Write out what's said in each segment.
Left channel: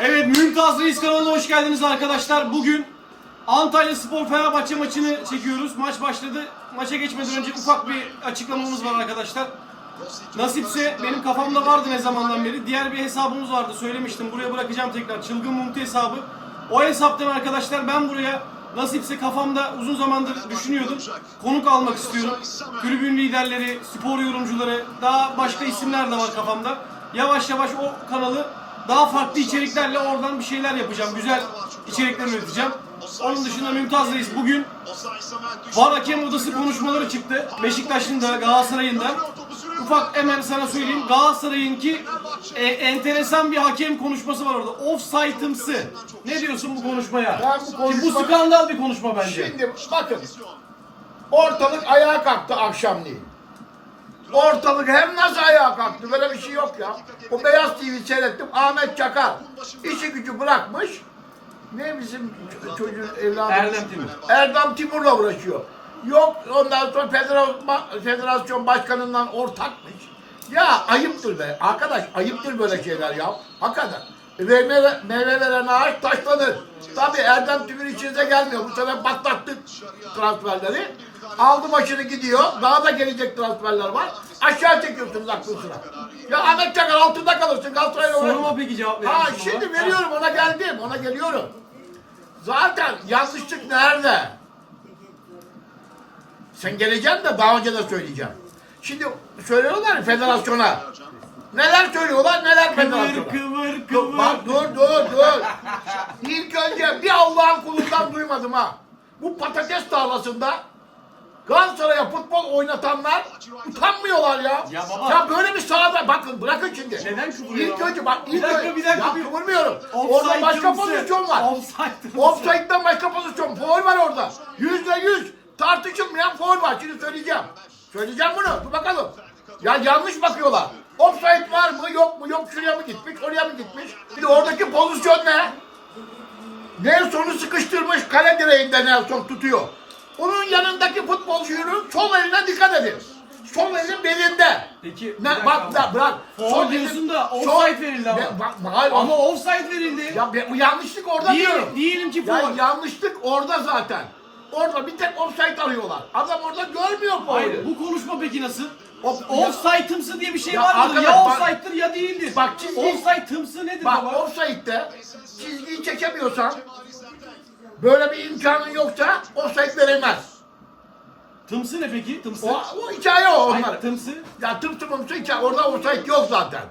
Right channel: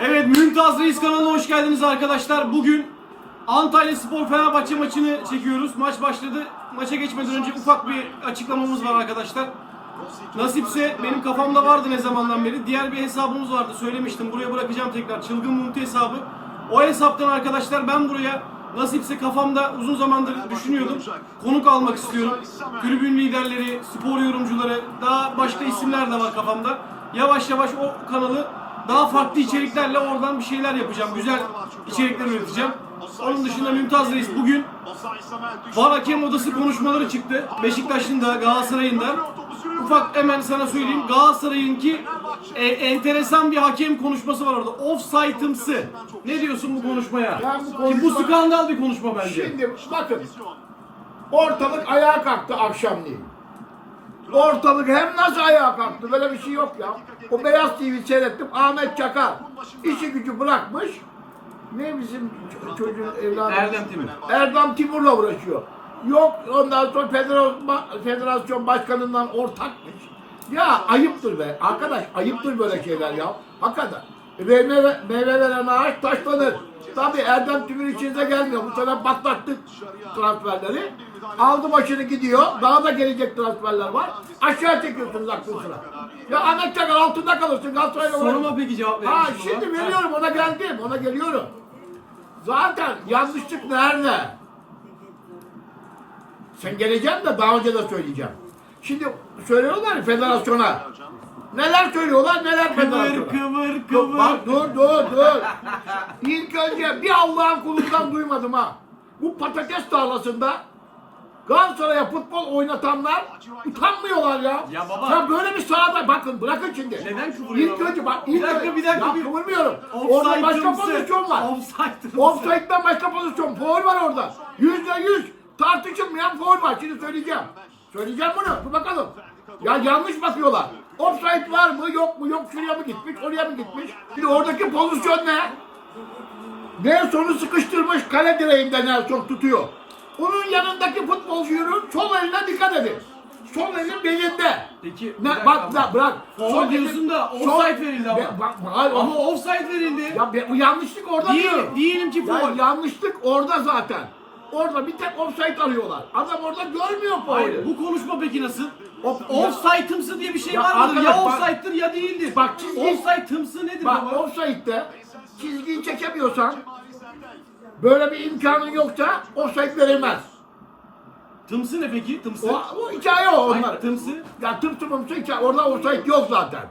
Evet Mümtaz Reis kanalına hoş geldiniz arkadaşlar. Bugün Antalya Spor Fenerbahçe maçını çekiyoruz. Maç başladı. Maça geçmeden önce ufak bir açıklamamız var arkadaşlar. Nasipse benim kafamda vardı ne zamandan beri. Diğer bir hesabımız vardı söylemiştim. Buraya bırakacağım tekrar. Çılgın Mumti hesabı. O hesaptan arkadaşlar ben buraya nasipse kafamda uzun zamandır düşünüyordum. Konuk almak istiyorum. Tribün liderleri, spor yorumcuları, daha başka isimler de var kafamda. Yavaş yavaş o kanalı daha farklı içeriklerle oradan bir şeyler yapacağım. Güzel içerikler üreteceğim. Onun dışında Mümtaz Reis bugün VAR hakem odası konuşmaları çıktı. Beşiktaş'ın da Galatasaray'ın da. Ufak hemen sana söyleyeyim. Galatasaray'ınki e, enteresan bir hakem konuşması var orada. Offside'ımsı. Ne diyorsun bu konuşmaya? Ben bu Ki konuşma- bu skandal bir konuşma bence. Şimdi bakın. Ortalık ayağa kalktı akşamleyin. Ortalık hem nasıl ayağa kalktı? Böyle bir şey yok ya. O Beyaz TV seyrettim. Ahmet Çakar işi gücü bırakmış. Ne bizim çocuğun evladı? Erdem Timur. Erdem Timur'la uğraşıyor. Yok ondan sonra federasyon, başkanından ortakmış. Ya ayıptır be. Arkadaş ayıptır böyle şeyler ya. Hakikaten. Meyve, meyve veren ağaç taşlanır. Tabii Erdem Timur içinize gelmiyor. Bu sene patlattık transferleri. Aldı başını gidiyor. Daha da gelecek transferler var. Aşağı çekiyorsunuz aklın sıra. Ya Çakar altında kalırsın. Galatasaray'la Soruma peki cevap verir Ha misin bana? şimdi veriyorum ona geldim ona geliyorum. Zaten yanlışlık nerede? Sen geleceksin de daha önce de söyleyeceğim. Şimdi söylüyorlar ya federasyona. Neler söylüyorlar neler Kıvır federasyona. kıvır kıvır. bak dur dur dur. İlk önce bir Allah'ın kulundan duymadım ha. Bu patates tarlasında Galatasaray'a futbol oynatanlar utanmıyorlar ya. Ya baba. Ya böyle bir sahada bakın bırakın şimdi. Neden kıvırıyor İlk ama? önce bak Bir ilk dakika, önce- bir dakika, Ya bir- kıvırmıyorum. Orada başka pozisyon var. Offside'ımsı. Offside'den başka pozisyon. Foul var orada. Yüzde yüz tartışılmayan foul var. Şimdi söyleyeceğim. Söyleyeceğim bunu. Dur bakalım. Ya yanlış bakıyorlar. Offside var mı yok mu? Yok şuraya mı gitmiş? Oraya mı gitmiş? Şimdi oradaki pozisyon ne? Nelson'u sıkıştırmış kale direğinde Nelson tutuyor. Onun yanındaki futbolcunun sol eline dikkat edin. Sol elin belinde. Peki, bir ne, dakika bak ama. da bırak. Foul Sol diyorsun elin- da offside verildi ama. Hayır, Ama offside verildi. ya be- bu yanlışlık orada Diyelim- diyorum. diyelim ki ya yanlışlık orada zaten. Orada bir tek offside arıyorlar. Adam orada görmüyor Hayır, faulü. bu konuşma peki nasıl? Of- Offside'ımsı diye bir şey Ya var mıdır? Ya arkadaş bak- offside'dir ya değildir. Bak çizgi- Offside'ımsı nedir Bak baba? offside'de çizgiyi çekemiyorsan böyle bir imkanın yoksa offside verilmez. Tımsı ne peki? Tımsı. O, o hikaye o onlar. Hayır, tımsı. Ya tım tımımsı hikaye. Orada offside yok zaten.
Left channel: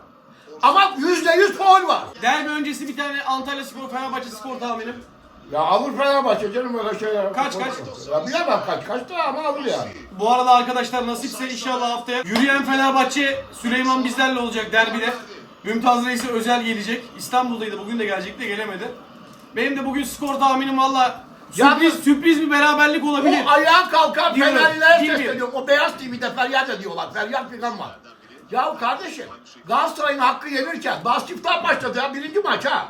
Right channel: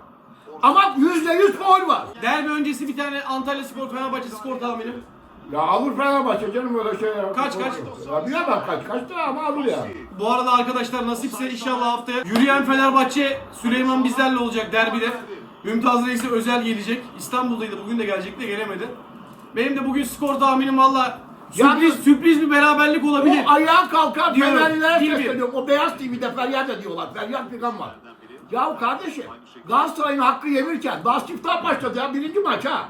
Ama yüzde yüz faul var. Derbi öncesi bir tane Antalya Spor Fenerbahçe skor tahminim. Ya alır Fenerbahçe canım öyle şeyler. Kaç, kaç? Ya bilemem kaç kaç da ama alır yani. Bu arada arkadaşlar nasipse inşallah haftaya yürüyen Fenerbahçe Süleyman bizlerle olacak derbide. Mümtaz Reis'e özel gelecek. İstanbul'daydı bugün de gelecekti de gelemedi. Benim de bugün skor tahminim valla sürpriz, Yalnız- sürpriz bir beraberlik olabilir. O ayağa kalkan Diyorum, Fenerlilere gibi. sesleniyorum. O beyaz TV'de feryat ediyorlar. Feryat filan var. Ya kardeşim Galatasaray'ın hakkı yemirken daha siftah başladı ya birinci maç ha.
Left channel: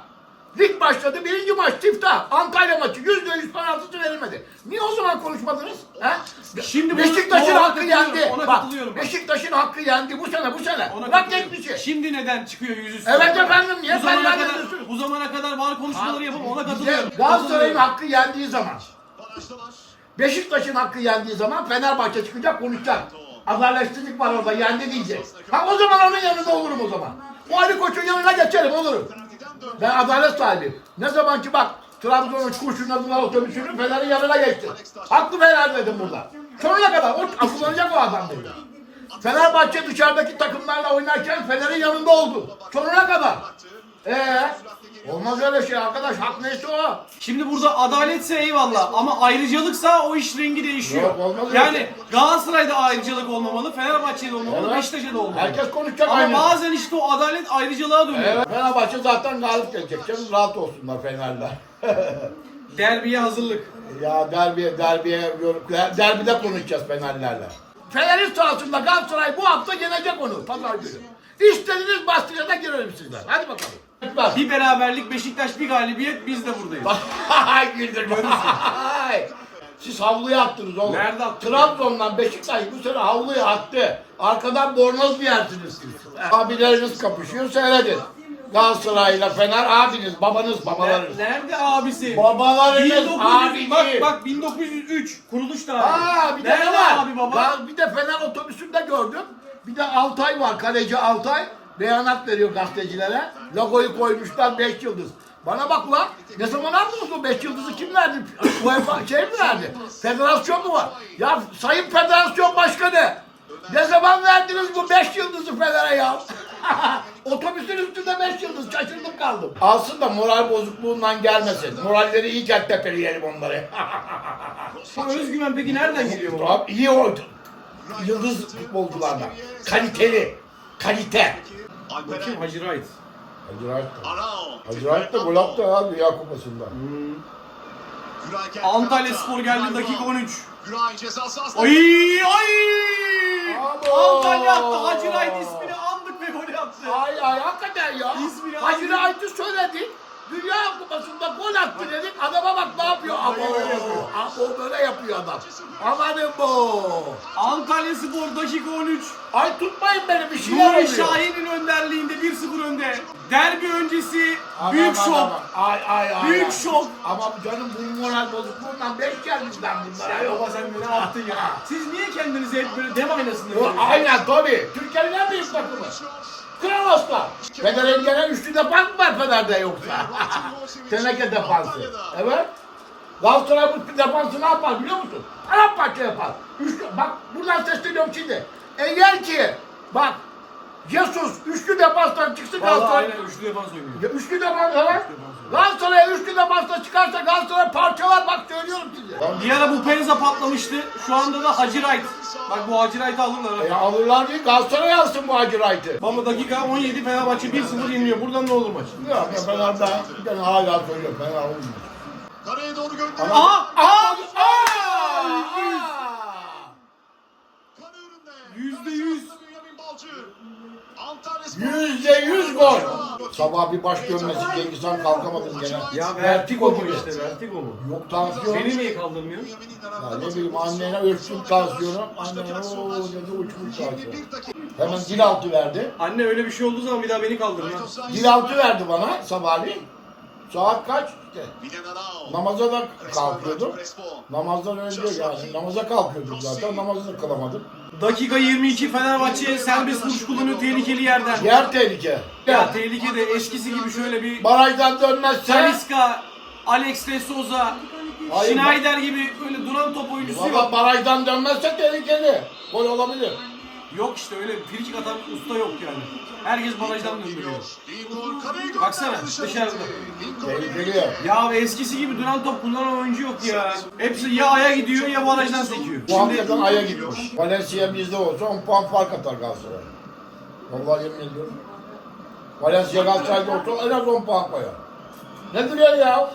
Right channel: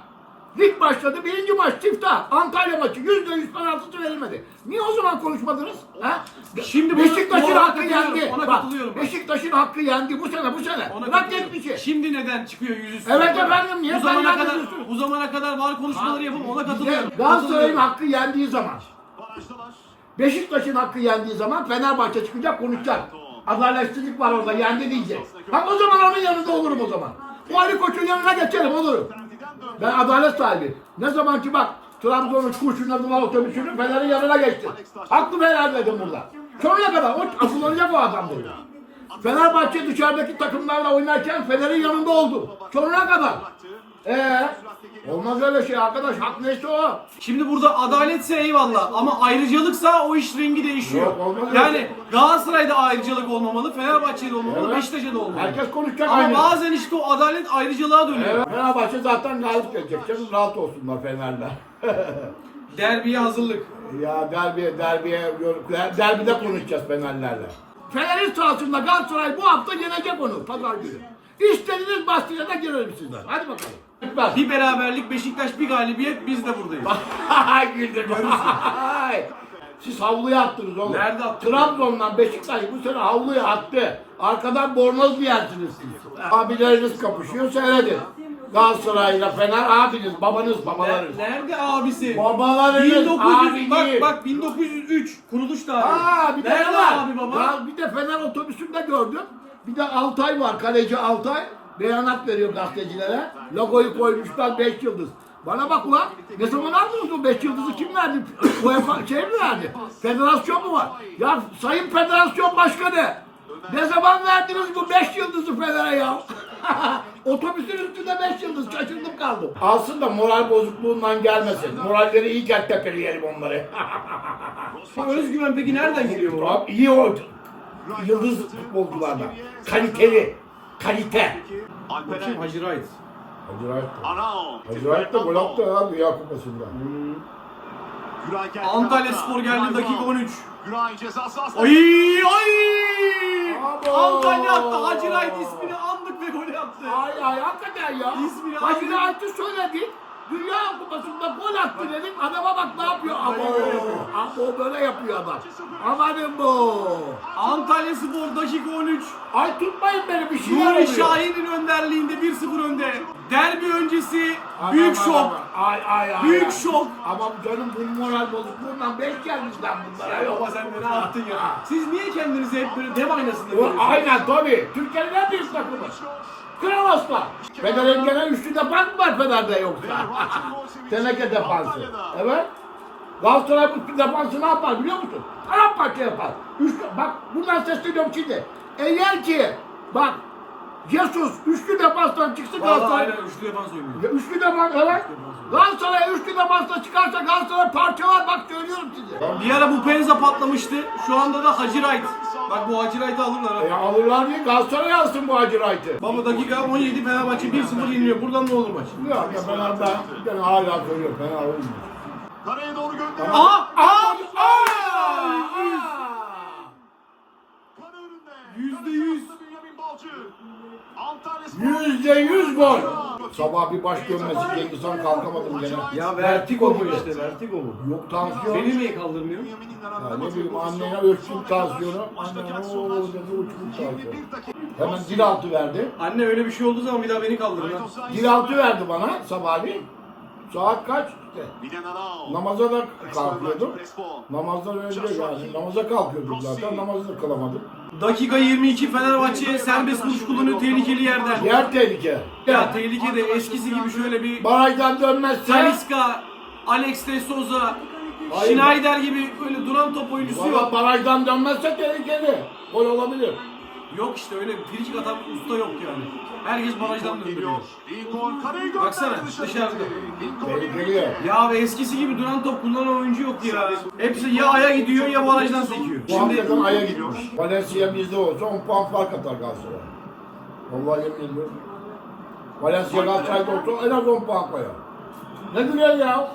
Lig başladı birinci maç siftah. Antalya maçı yüzde yüz penaltısı verilmedi. Niye o zaman konuşmadınız? Ha? Şimdi bunu- Beşiktaş'ın ona hakkı katılıyorum, yendi. ona Bak, katılıyorum. Beşiktaş'ın hakkı yendi bu sene bu sene. Ona Bırak katılıyorum. geçmişi. Şimdi neden çıkıyor yüzüstü? Evet efendim, niye bu zamana kadar ediyorsun? bu zamana kadar var konuşmaları yapıp ona katılıyorum. Galatasaray'ın Katılıyorum. hakkı yendiği zaman Beşiktaş'ın hakkı yendiği zaman Fenerbahçe çıkacak konuşacak. Adaletsizlik var orada yendi diyecek. Ha o zaman onun yanında olurum o zaman. O Ali Koç'un yanına geçerim olurum. Ben adalet sahibiyim. Ne zaman ki bak Trabzon'un kurşunladılar otobüsünü Fener'in yanına geçti. Hakkımı helal dedim burada. Sonuna kadar o akıllanacak o adam dedi. Fenerbahçe dışarıdaki takımlarla oynarken Fener'in yanında oldu. Sonuna kadar. Ee, olmaz öyle şey arkadaş. Hak neyse o. Şimdi burada adaletse eyvallah ama ayrıcalıksa o iş rengi değişiyor. Yok, olmaz öyle yani şey. Galatasaray'da ayrıcalık olmamalı, Fenerbahçe'de olmamalı, Evet. Beşiktaş'ta da olmamalı. Herkes konuşacak Ama aynı. bazen işte o adalet ayrıcalığa dönüyor. Evet, Fenerbahçe zaten galip gelecek. Canım rahat olsunlar Fener'de. Derbiye hazırlık. ya derbiye, derbiye, der- derbide konuşacağız Fenerlerle. Fener'in sahasında Galatasaray bu hafta yenecek onu pazar günü. İstediğiniz bastıra da girelim sizler. Hadi bakalım. Lütfen. Bir beraberlik Beşiktaş bir galibiyet biz de buradayız. Hay güldür. Siz havluya attınız oğlum. Nerede attık? Trabzon'dan Beşiktaş bu sene havluya attı. Arkadan bornoz giyersiniz siz. Abileriniz kapışıyor seyredin. Galatasaray'la Fener abiniz, babanız, babalarınız. Nerede abisi? Babalarınız 1900 abi bak bak 1903 kuruluş tarihi. Aa bir de Nerede ne var? abi baba? Gal- bir de Fener otobüsünde gördüm. Bir de Altay var, kaleci Altay. Beyanat veriyor gazetecilere. Logoyu koymuşlar 5 yıldız. Bana bak ulan ne zaman aldınız o 5 yıldızı kim verdi? UEFA şey mi verdi? Federasyon mu var? Ya Sayın Federasyon Başkanı ne zaman verdiniz bu 5 yıldızı Fener'e ya? Otobüsün üstünde 5 yıldız şaşırdım kaldım. Alsın da moral bozukluğundan gelmesin. Moralleri iyi tepeleyelim onları. Bu özgüven peki nereden geliyor baba? Abi iyi oydu. Yıldız futbolculardan. Kaliteli. Kalite. Bakayım Hacı Wright. Acayip. Arao. Acayip de gol attı ya Dünya Kupası'nda. Geldi. Antalya Spor geldi dakika 13. Güray ceza sahasında. Ay ay! Antalya attı Hacı Wright ismini andık ve gol attı. Ay ay hakikaten ya. İsmini Hacı. Ayt'ı söyledik. Dünya Kupası'nda gol attı dedik. Adama bak ne yapıyor. Abo. Abo böyle yapıyor adam. Amanın bu. Antalya Spor dakika 13. Ay tutmayın beni bir şeyler Nuri oluyor. Şahin'in önderliğinde 1-0 önde. Derbi öncesi Aman, büyük aman, şok. aman. Ay ay ay. Büyük ay. şok. Ama canım bu moral bozukluğundan beş gelmiş ben bunlara. Ya baba sen ne yaptın ya? Siz niye kendinizi hep böyle dev aynasında görüyorsunuz? aynen tabii. Türkiye'nin en büyük takımı. Kraloslar. Fener'in gene üçlü defans mı var Fener'de yoksa? Teneke defansı. Evet. Galatasaray bu defansı ne yapar biliyor musun? Paramparça yapar. Üçlü, bak buradan sesleniyorum şimdi. Eğer ki bak Jesus üçlü defanstan çıksın Vallahi Galatasaray. aynen üçlü defans oynuyor. Ya üçlü defans evet. Galatasaray üçlü defansta çıkarsa Galatasaray parçalar bak söylüyorum size. Bir ara bu Penza patlamıştı. Şu anda da Hacı Wright. Bak bu Hacı Wright'ı alırlar ha. Ya alırlar değil Galatasaray alsın bu Hacı Wright'ı. Baba dakika 17 Fenerbahçe 1-0 yeniliyor. Buradan ne olur maç? Ya ya Fener ben ben hala söylüyorum Fener olmuyor. Kareye doğru gönderiyor. Aha! Aha! Önünde. Yüzde yüz. Bünyamin Balcı. Antalya Spor. Yüzde yüz gol. Sabah bir baş dönmesi Cengiz Han kalkamadım gene. Ya vertigo mu işte vertigo mu? Yok tansiyon. Seni niye kaldırmıyor? Ya ne bileyim annene ölçtüm tansiyonu. Annen ooo dedi uçmuş tansiyon. Hemen dil altı verdi. Anne öyle bir şey olduğu zaman bir daha beni kaldırın. ha. Dil altı verdi bana sabahleyin. Saat kaç? Namaza da kalkıyordum. Namazdan önce yani namaza kalkıyordum zaten namazı da kılamadım. Dakika 22 Fenerbahçe serbest vuruş kullanıyor tehlikeli yerden. Yer tehlike. Ya tehlike de eskisi gibi şöyle bir Barajdan dönmezse Talisca, Alex de Souza, Hayır, Schneider gibi öyle duran top oyuncusu Valla yok. barajdan dönmezse tehlikeli. Gol olabilir. Yok işte öyle frikik atan usta yok yani. Herkes barajdan döndürüyor. Baksana, dışarı. dışarıda. Tehlikeli ya. Eskisi gibi duran top kullanan oyuncu yok ya. Hepsi ya aya gidiyor ya barajdan sekiyor. Bu Şimdi hakikaten aya gitmiş. Valencia bizde olsa 10 puan fark atar Galatasaray. Vallahi yemin ediyorum. Valencia Galatasaray'da olsa en az 10 puan koyar. Ne diyor ya?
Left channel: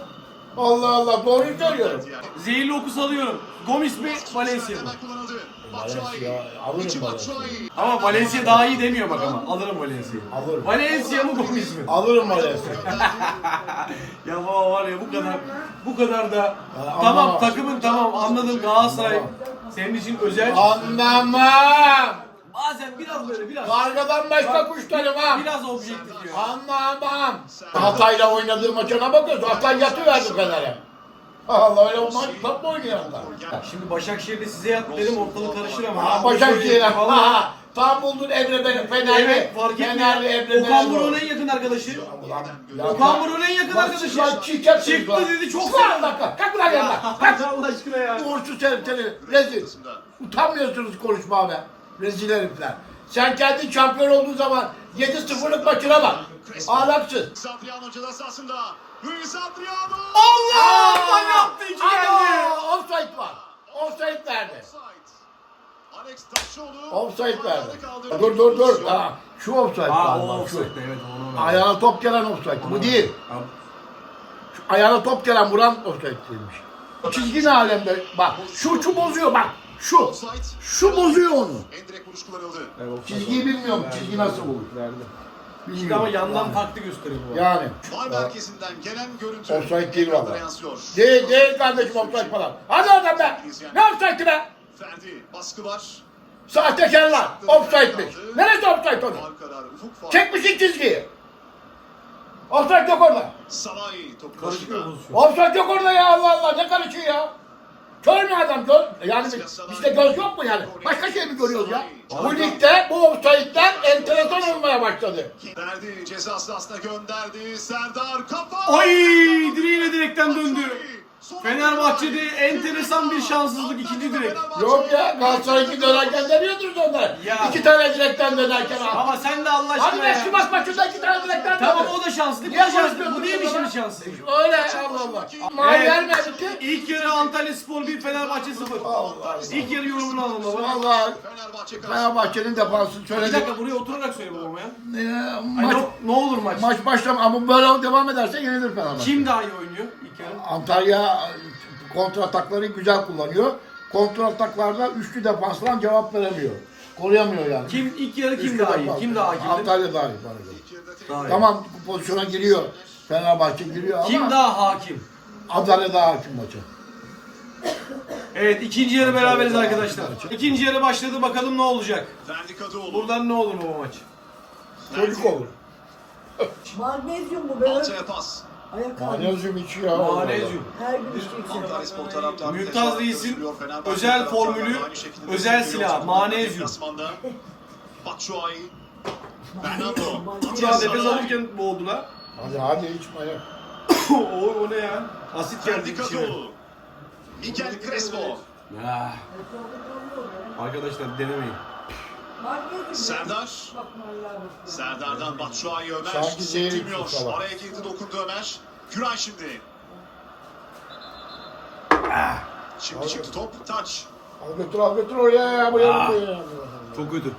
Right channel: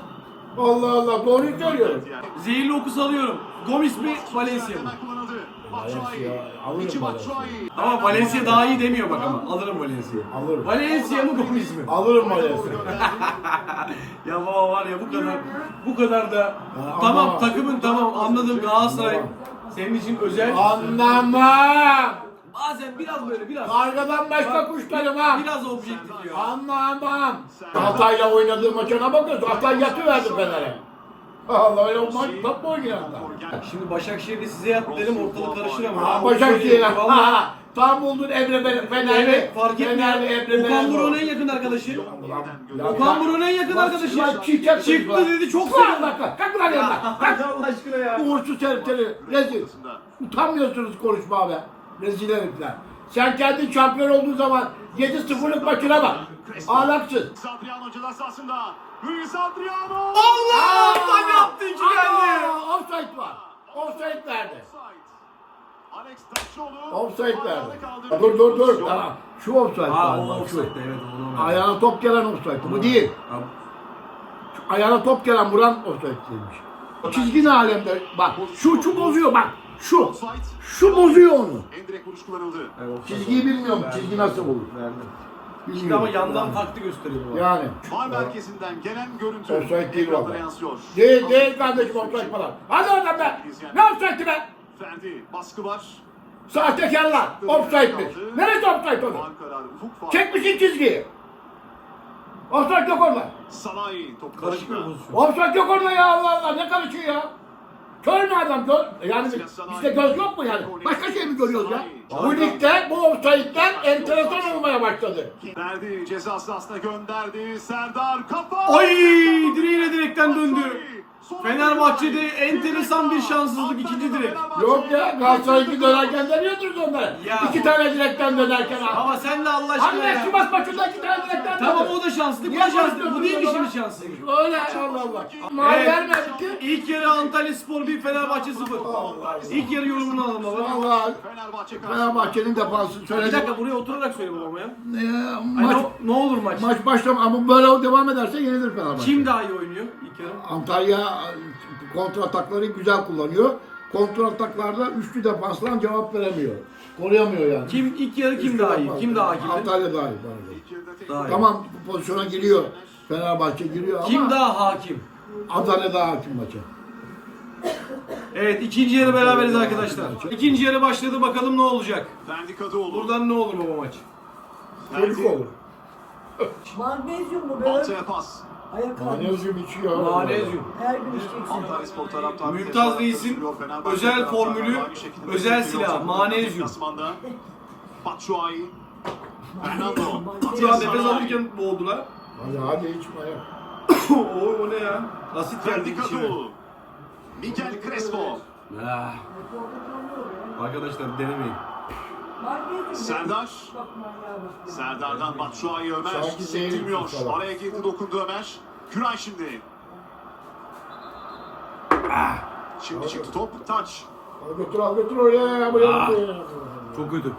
Allah Allah doğru söylüyorum. zehirli oku salıyorum. Gomis mi Valencia mı? Valencia alırım İçi Valencia. Batshuayi. Ama Valencia daha iyi demiyor bak ama. Alırım Valencia'yı. Alırım. Valencia mı Gomis mi? Alırım Valencia. Ya baba var ya bu kadar bu kadar da Ha, tamam anlamam. takımın tamam anladım Galatasaray Anlamam. senin için özel. Anlamam. Bazen biraz böyle biraz Kargadan başka kuş tanımam. biraz objektif ya. Anlamam. Hatay'la oynadığı maçına bakıyorsun. Hatay yatıverdi Fener'e. Allah öyle maç top mu oynuyor Hatay? Şimdi Başakşehir'de size yat dedim ortalık karışır ama. Ha Başakşehir'e. Ha ha. Tam buldun Emre Bele- Fenerli. Evet fark Fenerli etmiyor. Okan Buruk'un en yakın arkadaşı. Ulan, Okan bak- Buruk'un en yakın bak- arkadaşı. bak çiçek Çıktı bak. dedi çok bak, bak, Kalk lan yanına. Kalk. Allah aşkına ya. Uğursuz herifleri. Rezil. Utanmıyorsunuz konuşma be. Rezil herifler. Sen kendin şampiyon olduğun zaman 7-0'lık maçına bak. Ahlaksız. Adriano ceza sahasında. Luis Adriano. Allah! Gol yaptı iki geldi. Aa, Offside var. Offside nerede? Offside. Alex verdi. Dur dur dur. Tamam. Şu offside Aa var. o bak, şu. offside evet onu. Ayağına top gelen offside. Bu değil. Şu ayağına top gelen vuran offside'liymiş. Çizgi ne alemde? Bak şu şu bozuyor bak. Şu. Şu bozuyor onu. Vuruş kullanıldı. Evet, Çizgiyi oldu. bilmiyorum. Çizgi nasıl olur? Verdi. Bilmiyorum. Ama yandan Yani. farklı gösteriyor bu. Yani. Var merkezinden gelen görüntü. Offside değil valla. Değil değil kardeşim offside falan. Hadi oradan be. Ne offside'ı be? Ferdi baskı var. Sahtekarlar. Offside'miş. Neresi offside onu? Çekmişsin çizgiyi. Offside yok orada. Salay top Karışık bir karışık. pozisyon. Offside yok orada ya Allah Allah. Ne karışıyor ya? Kör mü adam kör? Yani bizde göz yok mu yani? Başka şey mi görüyoruz ya? Bu ligde bu offside'den enteresan olmaya başladı. Verdi ceza sahasına gönderdi. Serdar kafa. Ay direğiyle direkten döndü. Fenerbahçe'de enteresan bir şanssızlık ikinci direk. Yok ya Galatasaray iki dönerken demiyordur onlara. Ya İki bu- tane direkten dönerken ha. Ama sen de Allah aşkına ben ya. Sivas maçında iki tane direkten Tamam döndü. o da şanslı. Bu da şanslı. Bu değil işimiz şanslı. Öyle Allah Allah. Ama Evet. vermedi ki. İlk yarı Antalya Spor 1 Fenerbahçe 0. İlk yarı yorumunu alalım baba. Fenerbahçe Fenerbahçe'nin defansı Bir söyledim. dakika buraya oturarak söyle babama ya. Ee, Ay, maç, ne, ne olur maç. maç başlam ama böyle devam ederse yenilir Fenerbahçe. Kim daha iyi oynuyor ilk yarı? Antalya kontra atakları güzel kullanıyor. Kontra ataklarda üçlü defanslan cevap veremiyor. Koruyamıyor yani. Kim ilk yarı kim daha iyi? Kim daha hakimdi? Antalya daha iyi bana göre. Daha iyi. Tamam bu pozisyona giriyor. Fenerbahçe giriyor ama Kim daha hakim? Antalya daha hakim maça. Evet ikinci yarı beraberiz arkadaşlar. İkinci yarı başladı bakalım ne olacak. Buradan ne olur baba maç? Çocuk olur. Magnezyum bu böyle. Alçaya pas. Ayak abi. Manezyum içiyor. Manezyum. Her gün taraftarı Mümtaz Reis'in özel formülü, özel silah, manezyum. Batshuayi. Fernando. Şu an nefes alırken boğdular. Hadi hadi içme ya. o, o ne ya? Asit geldi Ferdi. Kadıoğlu. Mikel Crespo. Ah. Arkadaşlar denemeyin. Serdar. Serdar'dan Batshuayi Ömer. Sanki Sektirmiyor. falan. Araya girdi dokundu Ömer. Güray şimdi. Şimdi çıktı top. Taç. Al götür al götür oraya ya. Buraya Ah. buraya. Çok kötü.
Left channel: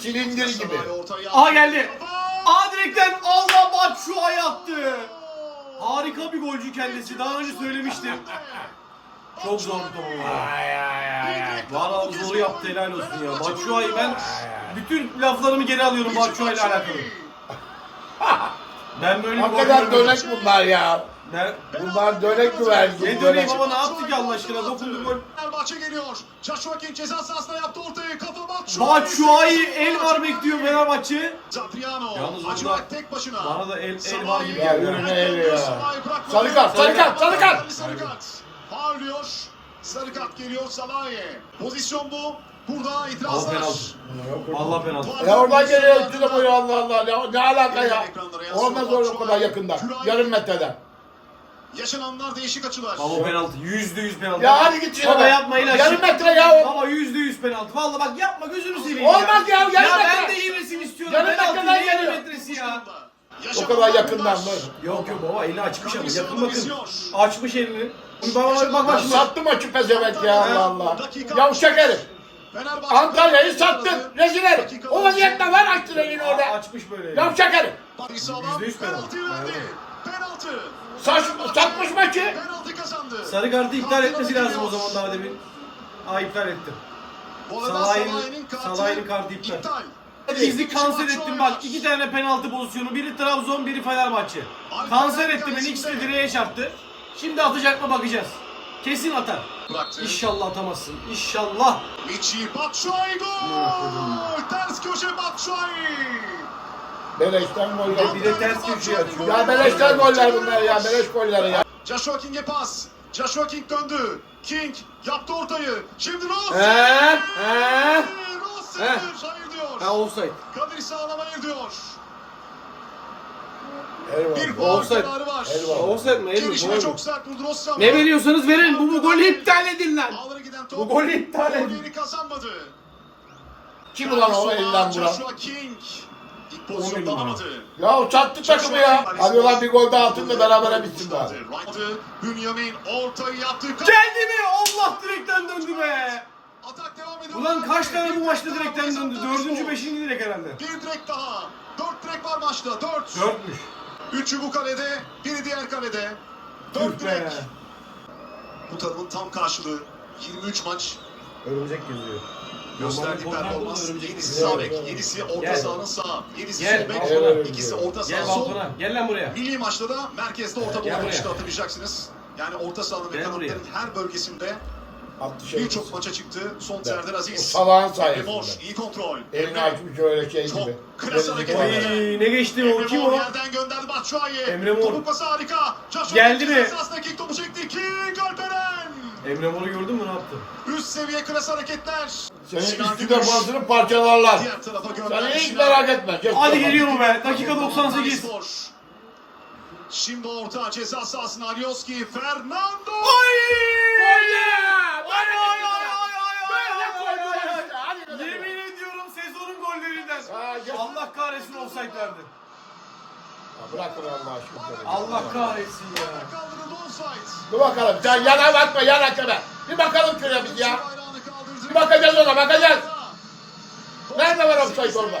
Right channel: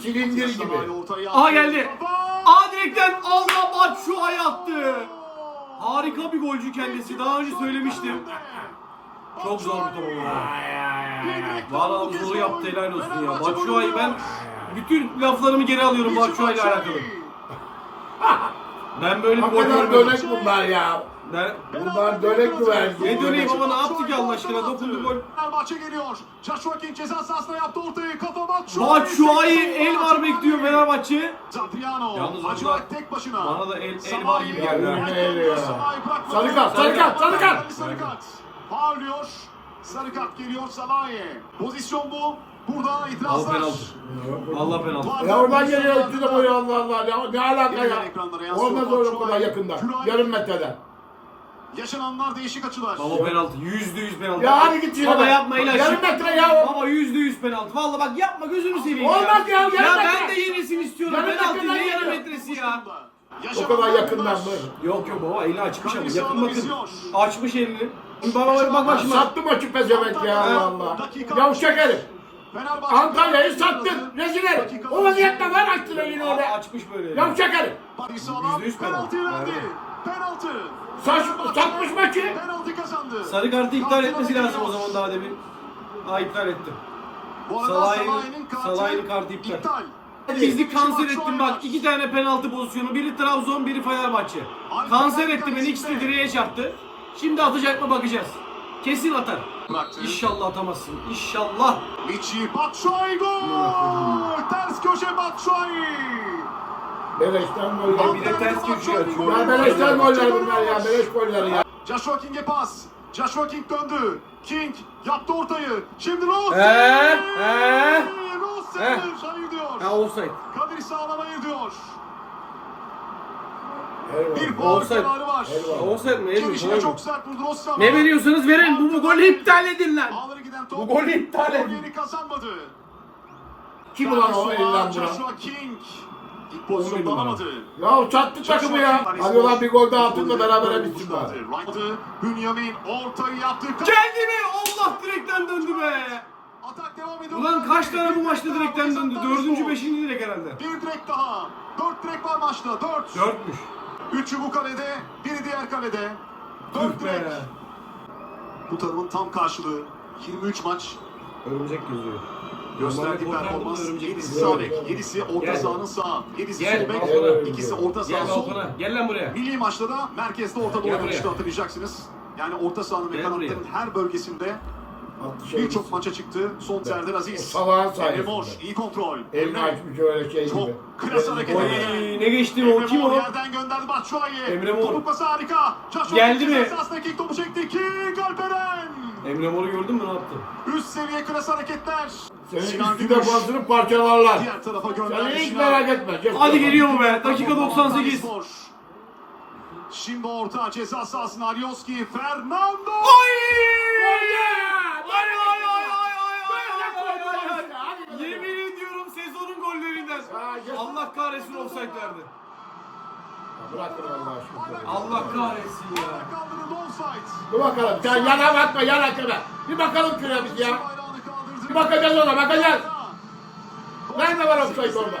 Silindir gibi. Aa geldi. Aa direkten Allah ay attı. Harika bir golcü kendisi. Daha önce söylemiştim. Çok zor bir top ama. Valla zoru yaptı helal olsun ya. Batshuayi ben bütün laflarımı geri alıyorum Batshuayi ile alakalı. Ben böyle bir gol Hakikaten görmedim. dönek bunlar ya. Ne? Bunlar dönek güvercin. Ne döneyim baba ne yaptı ki Allah aşkına dokundu gol. Fenerbahçe geliyor. Joshua King ceza sahasına yaptı ortayı. Kafa Batshuayi. Batshuayi el var bekliyor Fenerbahçe. Zadriano. Yalnız orada Hacivat tek başına. bana da el- el var gibi geldi. Ya, Ya, ya. Sarı kart, sarı kart, sarı kart. Sarı kart. Bağırıyor. Sarı kart geliyor Salah'e. Pozisyon bu. Burada O itirazlar. penaltı. Vallahi penaltı. Ya oradan geliyor üstüne boyu Allah Allah. Ne, ne alaka ya? Olmaz öyle o kadar yakında. Yarım metreden. Yaşananlar değişik açılar. Baba penaltı. Yüzde yüz penaltı. Ya hadi git şuna Baba be. yapma ilaç. Yarım metre ya o. Baba yüzde yüz penaltı. Vallahi bak yapma gözünü seveyim Olmaz ya, yarım Ya metre. ben de yenilsin istiyorum. Yarım penaltı metreden ne yarım metresi ya. O kadar yakından mı? Yok yok baba eli açmış ama yakın bakın. Açmış elini. Bak bak bak bak şimdi. sattı maçı pezevenk ya Allah Allah. Yavşak herif. Antalya'yı sattın. Rezil herif. O vaziyetle var açtın elini öyle. açmış böyle. Yavşak herif. Barış Alan Yüzde yüz penaltı. Saç, satmış maçı. Penaltı kazandı. Sarı kartı iptal etmesi lazım o zaman daha demin. Aa iptal etti. Salah'ın kartı iptal. Hadi. Bizi kanser ettin bak iki tane penaltı pozisyonu biri Trabzon biri Fenerbahçe. Kanser etti beni ikisi de direğe çarptı. Şimdi atacak mı bakacağız. Kesin atar. İnşallah atamazsın. İnşallah. Michi Batshuayi gol. Ters köşe Batshuayi. Beleşten goller. Bir de ters köşeye açıyor. Ya beleşten goller bunlar ya. Beleş goller ya. Joshua King'e pas. Joshua King döndü. King yaptı ortayı. Şimdi Rose. He, he. Rose He. hayır diyor. Ha offside. Kadir Sağlam hayır diyor. Eyvallah. Bir faul Offside. kararı var. Eyvallah. Offside mi? El mi? Mü? çok sert vurdu Rose ama- Ne veriyorsanız verin. Bu, bu golü iptal edin lan. Ağlara giden top. Bu golü iptal edin. Golleri kazanmadı. Kim ulan o elinden vuran? Joshua King. İlk pozisyonu On numara. alamadı. Ya o sattı takımı ya. Hadi ulan bir gol daha atın da berabere bitsin bari. Right'ı Bünyamin ortayı yaptı. Geldi mi? Allah direkten döndü be. Atak devam ediyor. Ulan kaç tane bu maçta direkten döndü? Dördüncü, beşinci direk herhalde. Bir direk daha. Dört direk var maçta. Dört. Dörtmüş. Üçü bu kalede. Biri diğer kalede. Dört direk. Bu tarafın tam karşılığı. 23 maç. Örümcek geziyor. Gösterdiği performans. örümcek 7'si geziyor. sağ bek. 7'si orta sahanın sağ. 7'si Gel, sol bek. İkisi orta saha sol. Gel lan buraya. Milli maçta da merkezde orta doğru işte hatırlayacaksınız. Yani orta sahanın ve kanatların her bölgesinde. Birçok maça çıktı. Son Serdar Aziz. salağın Emre sayesinde. Mor. iyi kontrol. Elini açmış öyle şey Çok gibi. klas hareket. Oy ne geçti o kim o? Yerden gönderdi Batshuayi. Emre Mor. Topuk pası harika. Şaşırttı. Geldi mi? Esasındaki topu çekti. King Alperen. Emre Mor'u gördün mü ne yaptı? Üst seviye klas hareketler. Senin üstü defansını parçalarlar. Diğer tarafa Sen gönderdi. hiç Sinan. merak etme. Geç Hadi geliyor mu be? Dakika 98. Spor. Şimdi orta ceza sahasına Alioski. Fernando. Oy! Ay, Yemin ediyorum sezonun gollerinden. Ya. Allah kahretsin offside verdi. Ya Bırakın Allah aşkına. Allah kahretsin ya. Offside. Dur bakalım. Sen yana bakma yan hakeme. Bir bakalım şuraya biz ya. Bir bakacağız ona bakacağız. Nerede var offside orada?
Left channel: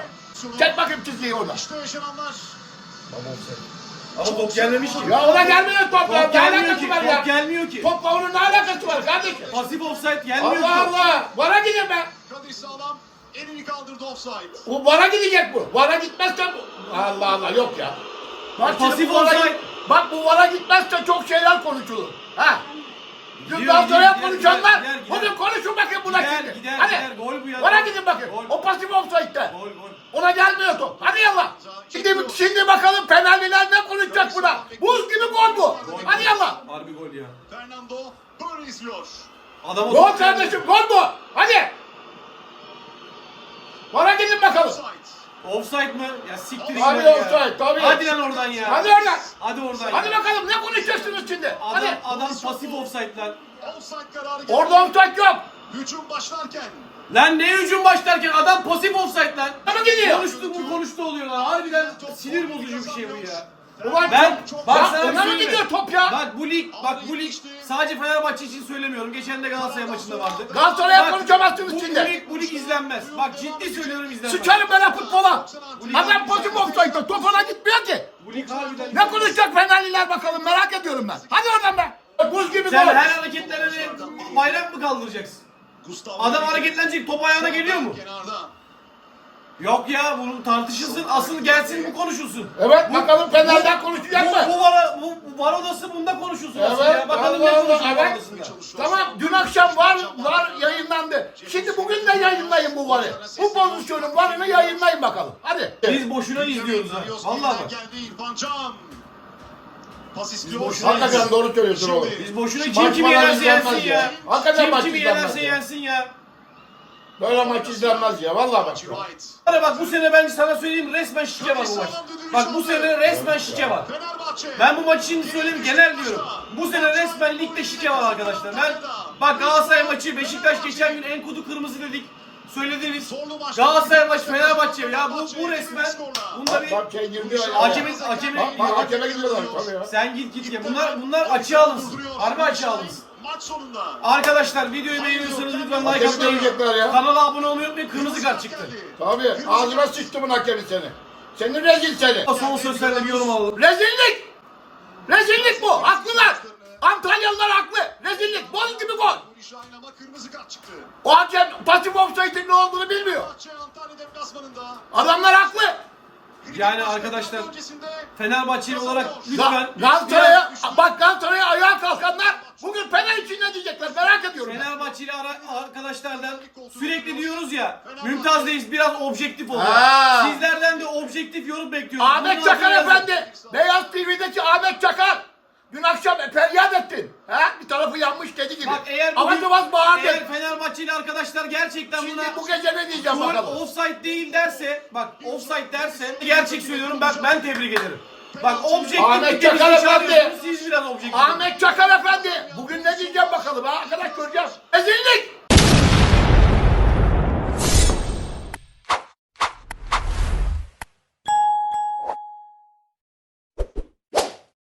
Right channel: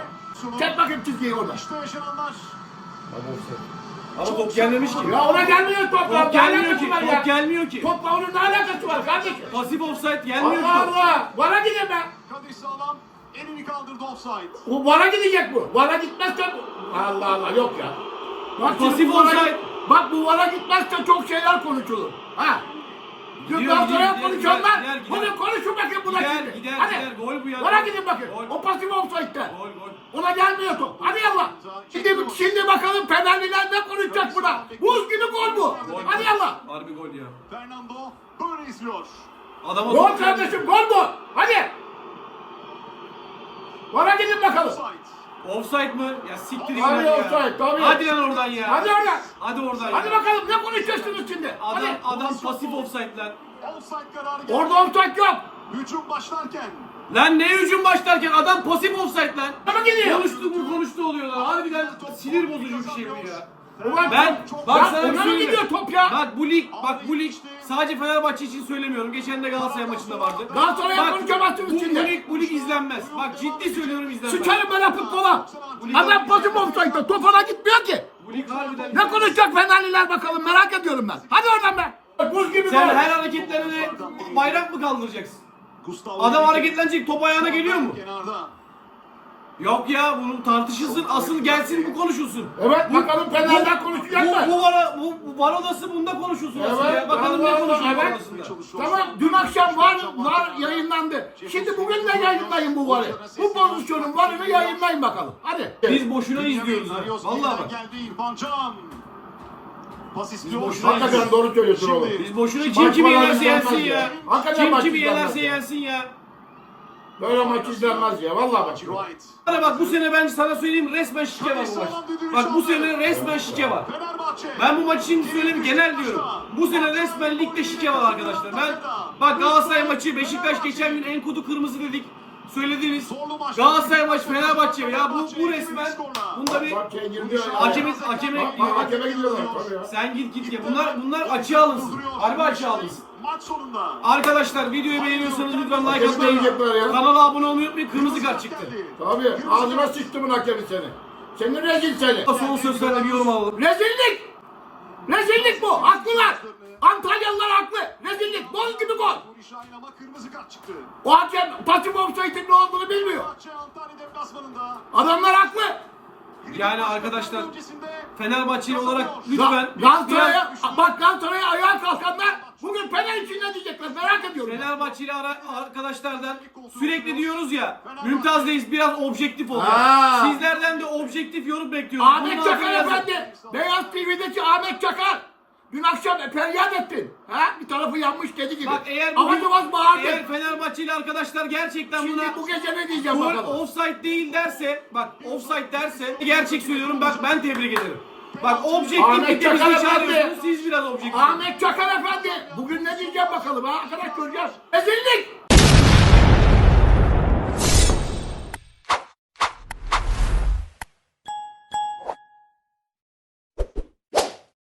Çek bakayım çizgiyi orada. İşte yaşananlar. Ama top gelmemiş ki. Ya ona gelmiyor top. ya. Top Ne gelmiyor ki. var ya? Top gelmiyor ki. Topla onun ne alakası var kardeşim? Pasif offside gelmiyor ki. Allah. Allah. Vara gidin be. Kadir Sağlam elini kaldırdı offside. Bu vara gidecek bu. Vara gitmezse bu. Allah Allah yok ya. Bak Pasif offside. Bak bu vara gitmezse çok şeyler konuşulur. Ha. Dün Gidiyor, Galatasaray'a gidiyor, konuşanlar. gider, gider, Bugün konuşun bakın buna Gider, şimdi. gider, Hadi. gider. Gol bu ya. Vara gidin bakın. Gol. O pasif offside'de. Gol gol. Ona gelmiyor top. Hadi yallah. Şimdi, şimdi bakalım Fenerliler ne konuşacak buna. Buz gibi gol bu. Gol. Hadi yallah. Harbi gol ya. Fernando böyle izliyor. Adama Gol geldi. kardeşim gol bu. Hadi. Vara gidin bakalım. Offside. Mı? Ya siktir Hadi git lan ya. offside, tabii. Hadi lan oradan ya. Hadi oradan. Hadi oradan Hadi ya. bakalım ne konuşacaksınız şimdi? Adam, Hadi. adam pasif offside lan. Offside kararı geldi. Orada offside yok. Hücum başlarken. Lan ne hücum başlarken adam pasif offside lan. Ama gidiyor. Konuştuk mu konuştu oluyor lan. Harbiden sinir bozucu bir şey bu ya. Ulan Ben bak Ya sana bir ona söyleyeyim. gidiyor top ya? Bak bu lig, bak bu lig sadece Fenerbahçe için söylemiyorum. Geçen de Galatasaray maçında vardı. Galatasaray'a Bak, konuşamazsınız bu, şimdi. Bu lig, bu lig izlenmez. Bak ciddi söylüyorum izlenmez. Sıçarım ben futbola. Adam pasif offside'da top ona gitmiyor ki. Bu lig harbiden Ne konuşacak Fenerliler bakalım merak ediyorum ben. Hadi oradan be. Buz gibi Sen gol. her hareketlerine bayrak mı kaldıracaksın? Gustavo Adam hareketlenecek top ayağına geliyor mu? Kenarda. Yok ya bunun tartışılsın. Asıl gelsin bu konuşulsun. Evet Bu- bakalım Fener'den bu- konuşacak bu, mı? bu, var, bu, bu var odası bunda konuşulsun asıl Evet, ya. Bakalım Allah ne konuşuyor var evet. odasında. Tamam dün akşam var var yayınlandı. Şimdi bugün de yayınlayın bu varı. Bu pozisyonun varını yayınlayın bakalım. Hadi. Biz boşuna izliyoruz ha. Vallahi bak. Pas istiyor. Hakikaten doğru söylüyorsun oğlum. Biz boşuna kim kimi yenerse yensin ya. Kim kimi yenerse yensin ya. Böyle maç izlenmez ya. Vallahi bak. Hadi bak bu sene ben sana söyleyeyim resmen şike var bu maç. Bak bu sene resmen şike var. Ben bu maç için söyleyeyim genel diyorum. Bu sene resmen ligde şike var arkadaşlar. Ben bak Galatasaray maçı Beşiktaş geçen gün en kutu kırmızı dedik. Söylediniz. Galatasaray maçı Fenerbahçe ya bu bu resmen bunda bir şey hakeme hakeme hakeme gidiyorlar sen git git ya. Bunlar bunlar açığa alınsın. Harbi açığa alınsın. Maç sonunda. Arkadaşlar videoyu beğeniyorsanız lütfen like Hakemi atmayı, ya. kanala abone olmayı unutmayın. Kırmızı kart çıktı. Tabii. Ağzıma sıçtı bunun hakemi seni. Seni rezil seni. Son sözlerle bir yorum alalım. Rezillik. Rezillik bu. Haklılar. Antalyalılar haklı. Rezillik. Boz gibi gol. Nuri Şahin ama kırmızı kart çıktı. O hakem pasif offside'in ne olduğunu bilmiyor. Fenerbahçe Antalya deplasmanında. Adamlar haklı. Yani arkadaşlar Fenerbahçeli olarak lütfen Galatasaray'a bak Galatasaray'a ayağa kalkanlar bugün Fener için ne diyecekler merak ediyorum. ben. Fenerbahçeli ara- arkadaşlardan sürekli diyoruz ya Mümtaz Reis biraz objektif. Ha. Sizlerden de objektif yorum bekliyoruz. Ahmet Bunun Çakar altına yazın. efendi. Beyaz TV'deki Ahmet Çakar. Dün akşam feryat ettin. Ha? Bir tarafı yanmış dedi gibi. Bak eğer bugün, Avazı bağırdın. eğer Fenerbahçeli arkadaşlar gerçekten buna Şimdi bu gece ne diyeceğim gol bakalım. offside değil derse bak offside derse gerçek söylüyorum bak ben tebrik ederim. Bak Ahmet objektiflikte bizi Çakar çağırıyorsunuz efendi. siz biraz objektif. Ahmet Çakar efendi. Bugün ne diyeceğim bakalım ha? Arkadaş göreceğiz. Ezillik.